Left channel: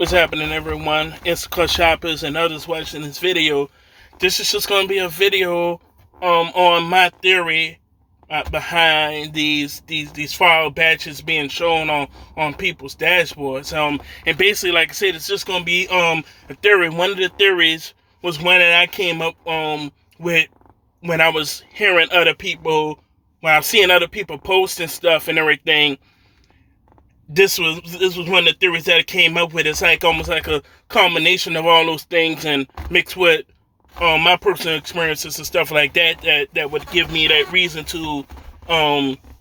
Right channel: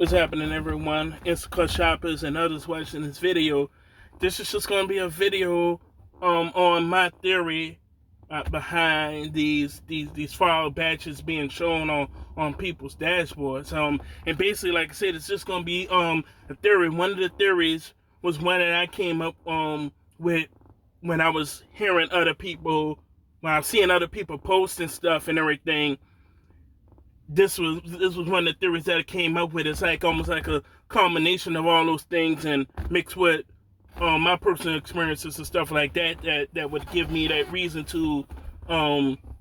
What's happening, everyone? Instacart shoppers and others watching this video. This is just going to be a video on my theory behind these file batches being shown on people's dashboards. And basically, like I said, it's just going to be a theory. One of the theories was one that I came up with when I was hearing other people, when I'm seeing other people posting stuff and everything. This was one of the theories that I came up with. It's like almost like a combination of all those things and mixed with my personal experiences and stuff like that would give me that reason to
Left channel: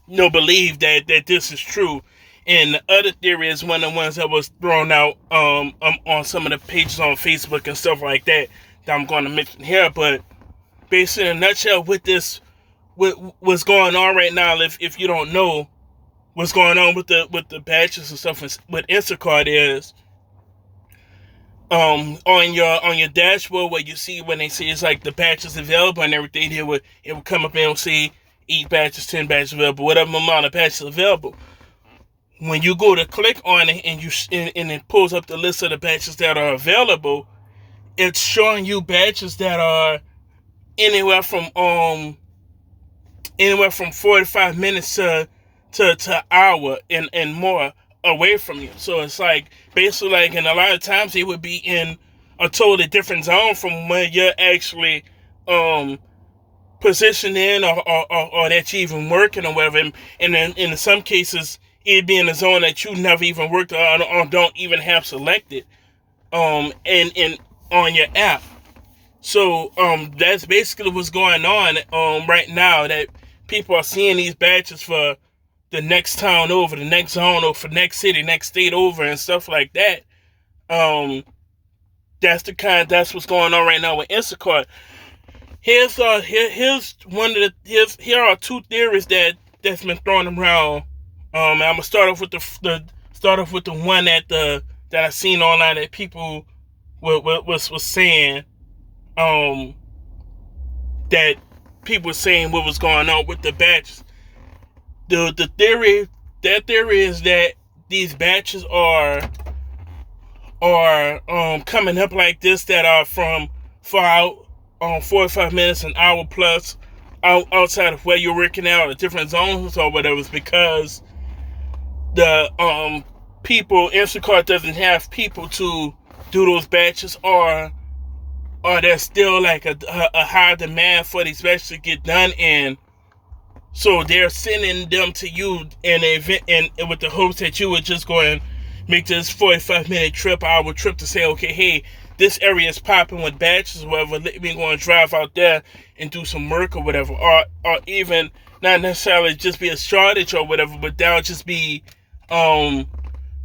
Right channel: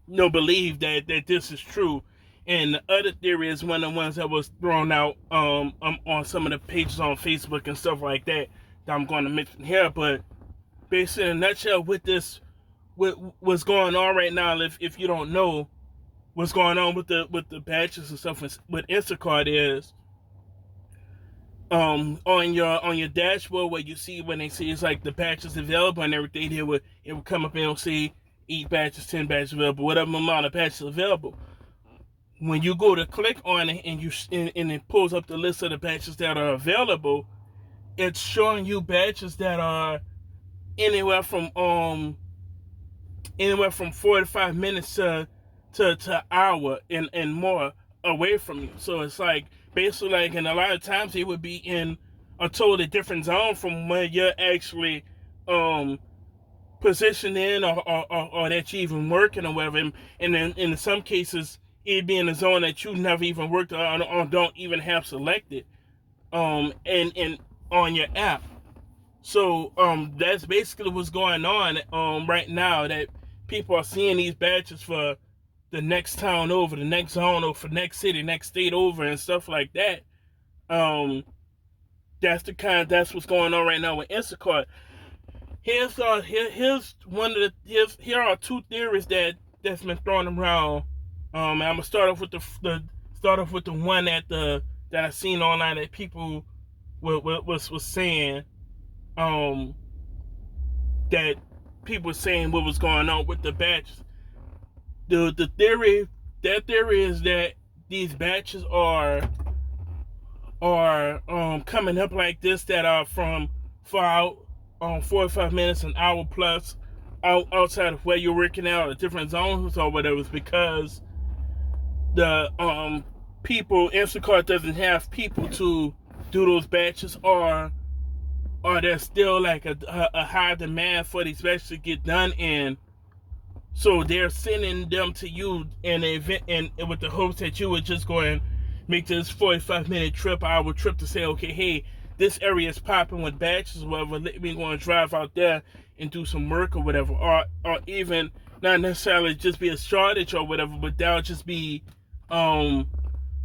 believe that this is true. And the other theory is one of the ones that was thrown out on some of the pages on Facebook and stuff like that I'm going to mention here. But basically, in a nutshell, what's going on right now, if you don't know what's going on with the batches and stuff with Instacart is on your dashboard where you see when they say it's like the batches available and everything, it would come up and say 8 batches, 10 batches available, whatever amount of batches available. When you go to click on it and it pulls up the list of the batches that are available, it's showing you batches that are anywhere from 45 minutes to an hour and more away from you. So it's like basically like, and a lot of times it would be in a totally different zone from where you're actually positioned in or that you're even working or whatever. And then in some cases it'd be in a zone that you never even worked or don't even have selected and on your app. So that's basically what's going on right now, that people are seeing these batches for the next town over, the next zone over, next city, next state over, and stuff like that. That's what's going on right now with Instacart. Here are 2 theories that's been thrown around. I'm gonna start off with the one that I seen online that people was saying that people were saying what was going on with the batches. The theory is that these batches are coming up like this, that are from far out 45 minutes, an hour plus outside of where you're working out, or different zones or whatever. It's because the Instacart doesn't have people to do those batches, or there's still like a high demand for these batches to get done in. So they're sending them to you in an event, and with the hopes that you would just go and make this 45-minute trip, hour trip, to say, okay, hey, this area is popping with batches or whatever. Let me go and drive out there and do some work or whatever. Or even not necessarily just be a shortage or whatever, but that'll just be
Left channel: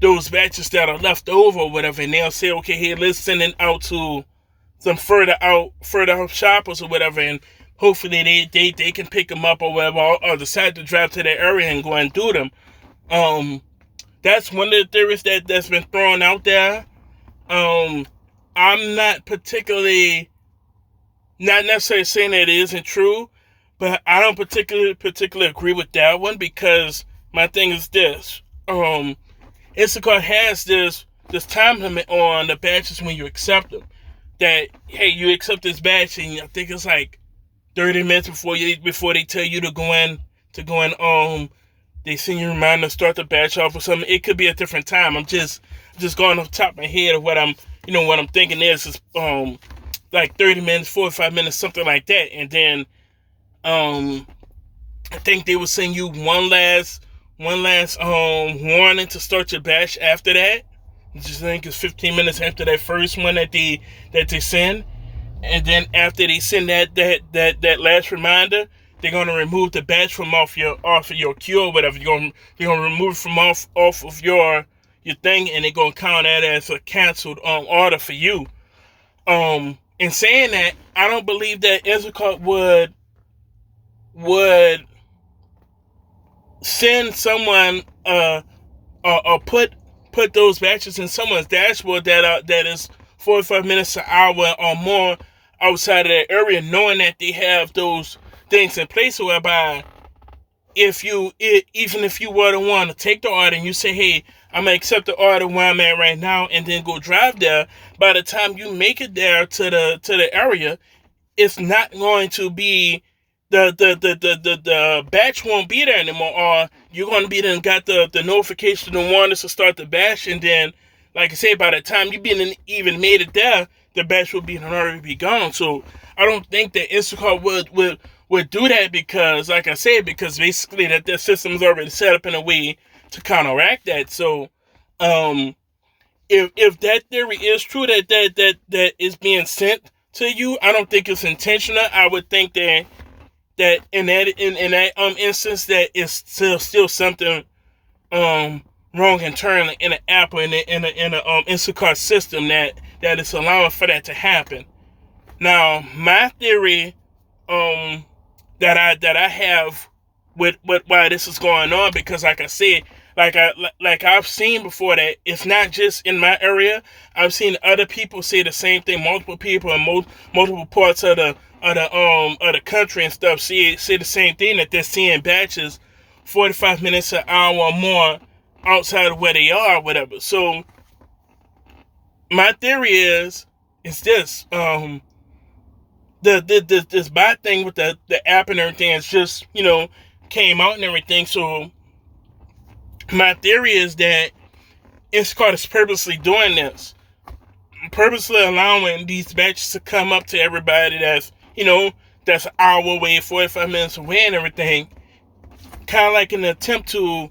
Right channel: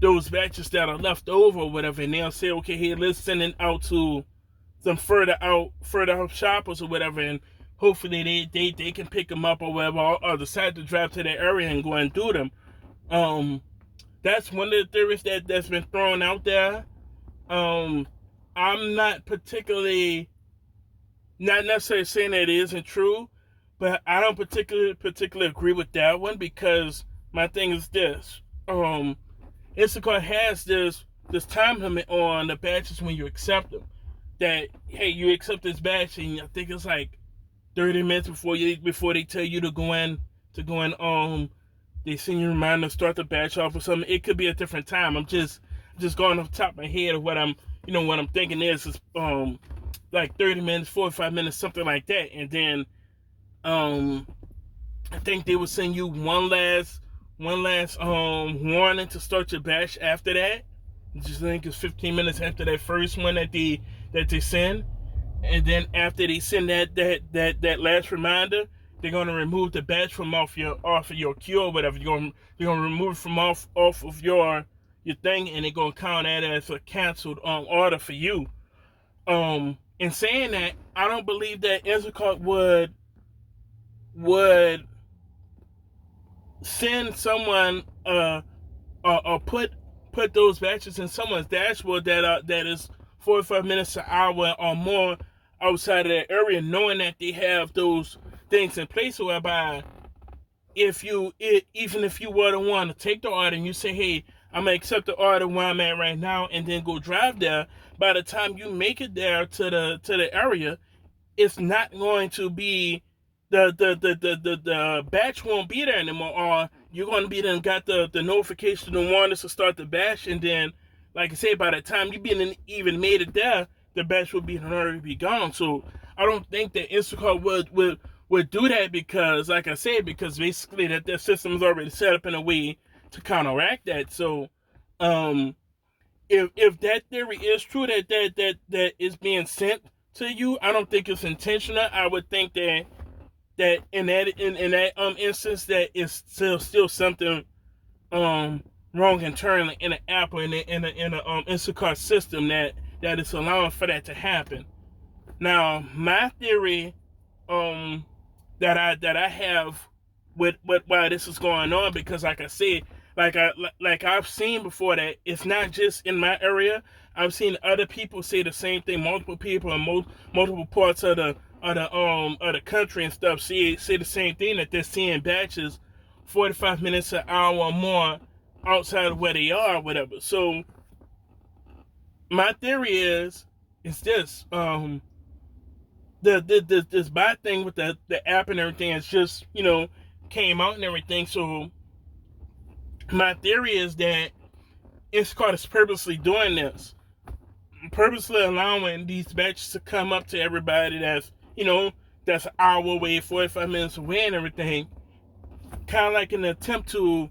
those batches that are left over or whatever. And they'll say, okay, hey, let's send it out to some further out shoppers or whatever, and hopefully they can pick them up or whatever, or decide to drive to that area and go and do them. That's one of the theories that's been thrown out there. I'm not necessarily saying that it isn't true, but I don't particularly agree with that one, because my thing is this. Instacart has this time limit on the batches when you accept them. That, hey, you accept this batch, and I think it's like 30 minutes before they tell you to go in, they send you a reminder to start the batch off or something. It could be a different time. I'm just going off the top of my head of what I'm thinking is like 30 minutes, 45 minutes, something like that. And then I think they will send you one last warning to start your batch after that. I just think it's 15 minutes after that first one that they send. And then after they send that last reminder, they're gonna remove the batch from off of your queue or whatever. They're gonna remove it from off of your thing, and they're gonna count that as a canceled order for you. In saying that, I don't believe that Instacart would send someone or put those batches in someone's dashboard that is 45 minutes, an hour or more outside of that area, knowing that they have those things in place, whereby even if you were the one to take the order and you say, hey, I'm gonna accept the order where I'm at right now and then go drive there. By the time you make it there to the area, it's not going to be the batch won't be there anymore, or you're going to be then got the notification to want us to start the batch, and then, like I said, by the time you even made it there, the batch will be already be gone. So I don't think that Instacart would do that because, like I said, because basically that their system is already set up in a way to counteract that. So, if that theory is true that is being sent to you, I don't think it's intentional. I would think that in that instance that is still something wrong internally in the app or in the Instacart system that is allowing for that to happen. Now, my theory that I have with why this is going on, because like I said, like I've seen before, that it's not just in my area. I've seen other people say the same thing. Multiple people in multiple parts of the country and stuff say the same thing, that they're seeing batches 45 minutes an hour or more outside of where they are, or whatever. So my theory is this: this bad thing with the app and everything is just came out and everything. So my theory is that Instacart is purposely doing this, purposely allowing these batches to come up to everybody that's an hour away, 45 minutes away and everything, kind of like an attempt to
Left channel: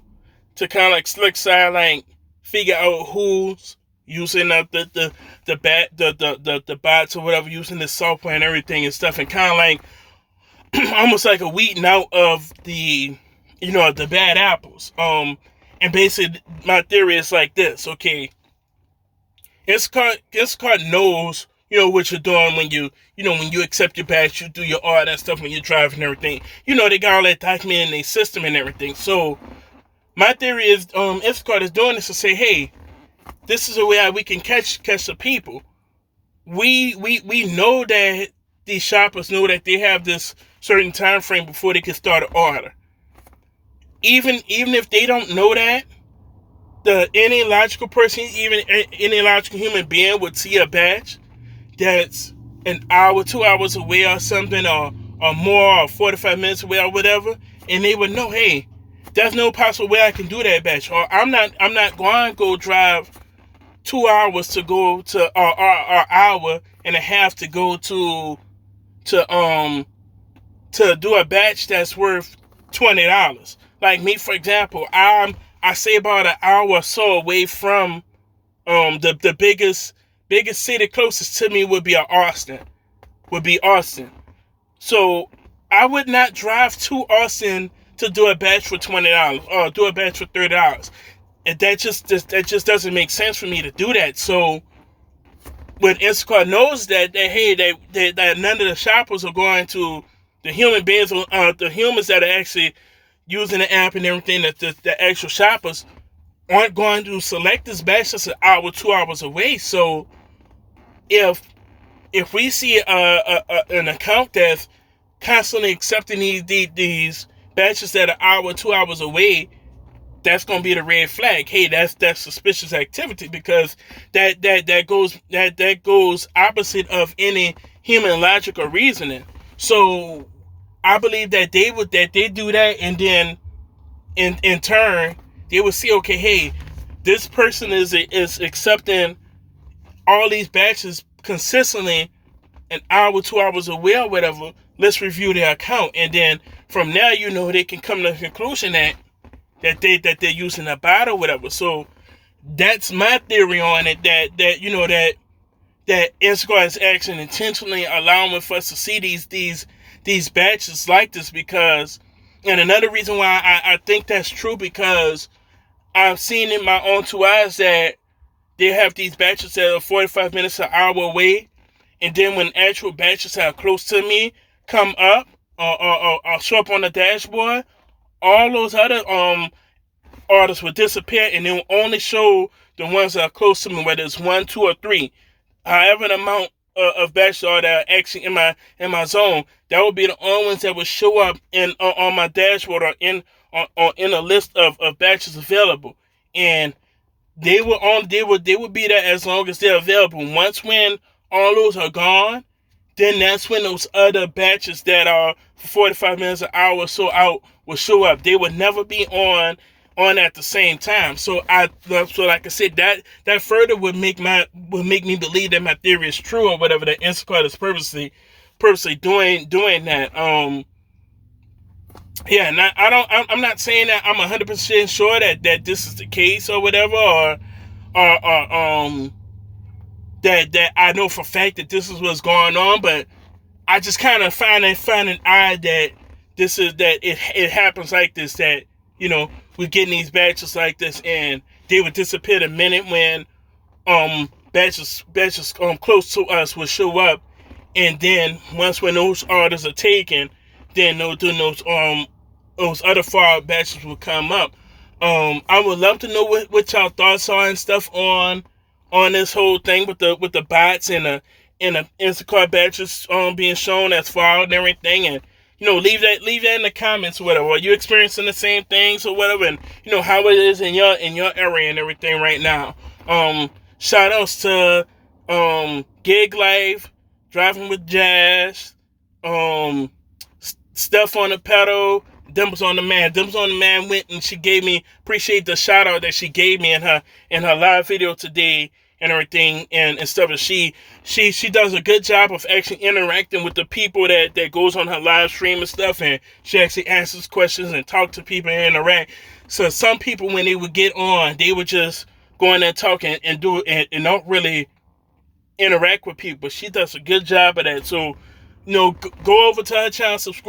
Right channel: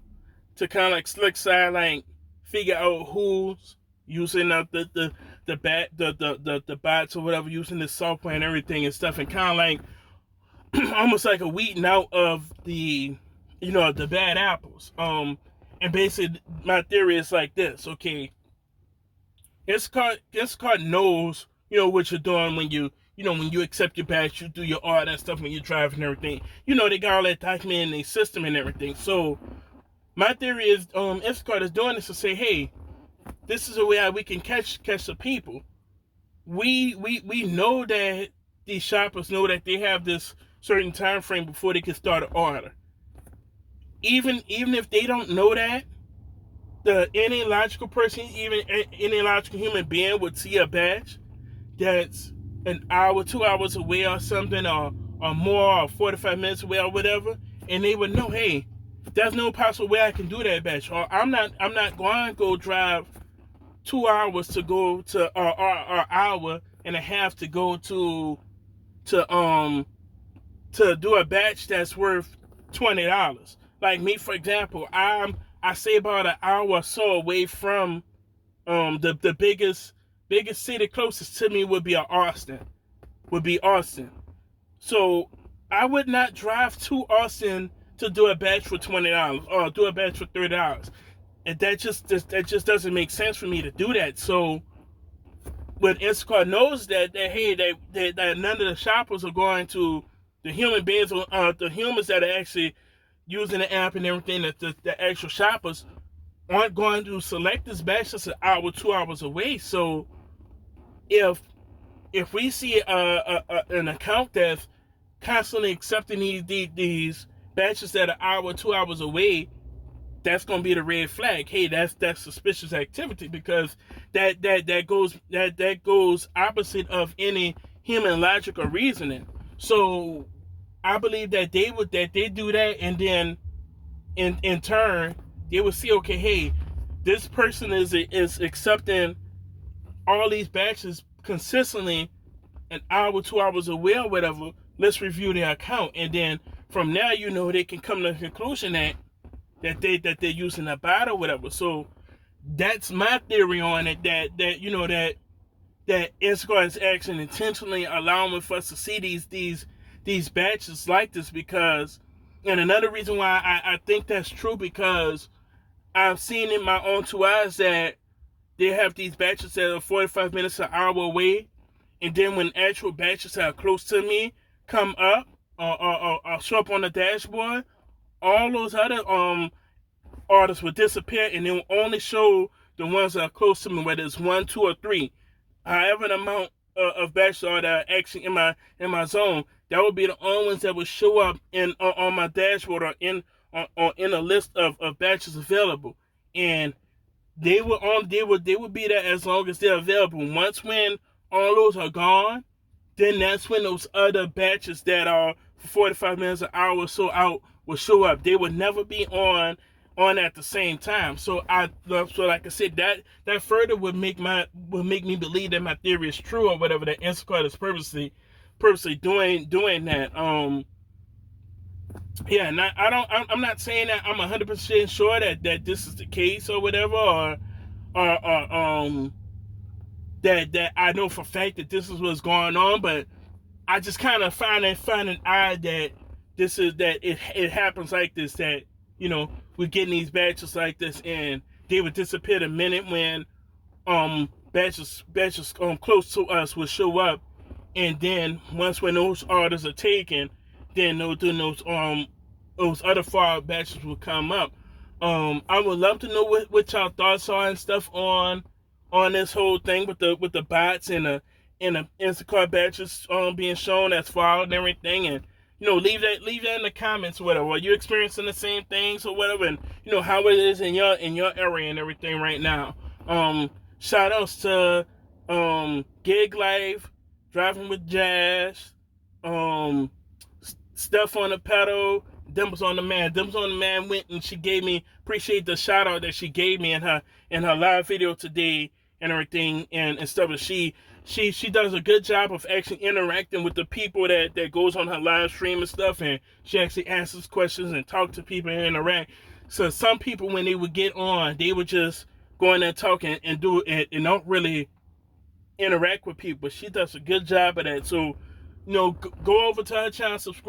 kind of like slick side, like figure out who's using the bots or whatever, using the software and everything and stuff, and kind of like almost like a weeding out of the the bad apples. And basically, my theory is like this. Okay, Instacart knows what you're doing when you accept your badge, you do your all that stuff when you're driving and everything. They got all that documented in their system and everything. So my theory is Instacart is doing this to say, hey, this is a way we can catch the people. We know that these shoppers know that they have this certain time frame before they can start an order. Even if they don't know that, any logical person, even any logical human being, would see a batch that's an hour, 2 hours away or something, or more, or 45 minutes away or whatever, and they would know, hey, there's no possible way I can do that batch, or I'm not going to go drive 2 hours to go to, or hour and a half to go to do a batch that's worth $20. Like me, for example, I say about an hour or so away from the biggest city closest to me would be Austin. So I would not drive to Austin to do a batch for $20 or do a batch for $30. And that just doesn't make sense for me to do that. So when Instacart knows that hey, that none of the shoppers are going to the human beings, the humans that are actually using the app and everything, that the actual shoppers aren't going to select this batch that's an hour, 2 hours away. So if we see an account that's constantly accepting these batches that are hour, 2 hours away, that's going to be the red flag. Hey, that's suspicious activity, because that goes opposite of any human logic or reasoning. So I believe that they do that, and then in turn they would see, okay, hey, this person is accepting all these batches consistently an hour, 2 hours away or whatever. Let's review their account, and then from there, they can come to the conclusion that they're using a bot or whatever. So that's my theory on it, that Instacart is actually intentionally allowing for us to see these batches like this, because, and another reason why I think that's true, because I've seen in my own two eyes that they have these batches that are 45 minutes an hour away, and then when actual batches that are close to me come up or show up on the dashboard, all those other orders will disappear, and it will only show the ones that are close to me, whether it's 1, 2, or 3. However the amount of batches that are actually in my zone, that will be the only ones that will show up on my dashboard, or in a list of batches available. And They would be there as long as they're available. Once when all those are gone, then that's when those other batches that are for 45 minutes an hour or so out will show up. They would never be on at the same time. So like I said, that further would make me believe that my theory is true or whatever, that Instacart is purposely doing that. Yeah, and I'm not saying that I'm 100% sure that this is the case or whatever, or that I know for a fact that this is what's going on, but I just kind of find it odd that it happens like this, that we're getting these batches like this, and they would disappear the minute when batches close to us would show up, and then once when those orders are taken, then those other far batches will come up. I would love to know what y'all thoughts are and stuff on this whole thing with the bots and the Instacart batches being shown as filed and everything, and leave that in the comments or whatever. Are you experiencing the same things or whatever, and how it is in your area and everything right now. Shout outs to GigLife, Driving with Jazz, Steph on the pedal, Dimples on the man. Dimples on the man went and she gave me, appreciate the shout out that she gave me in her live video today and everything and stuff. And she does a good job of actually interacting with the people that goes on her live stream and stuff, and she actually answers questions and talk to people and interact. So some people, when they would get on, they would just go in there and talk and do it and don't really interact with people. But she does a good job of that. So go over to her channel, subscribe.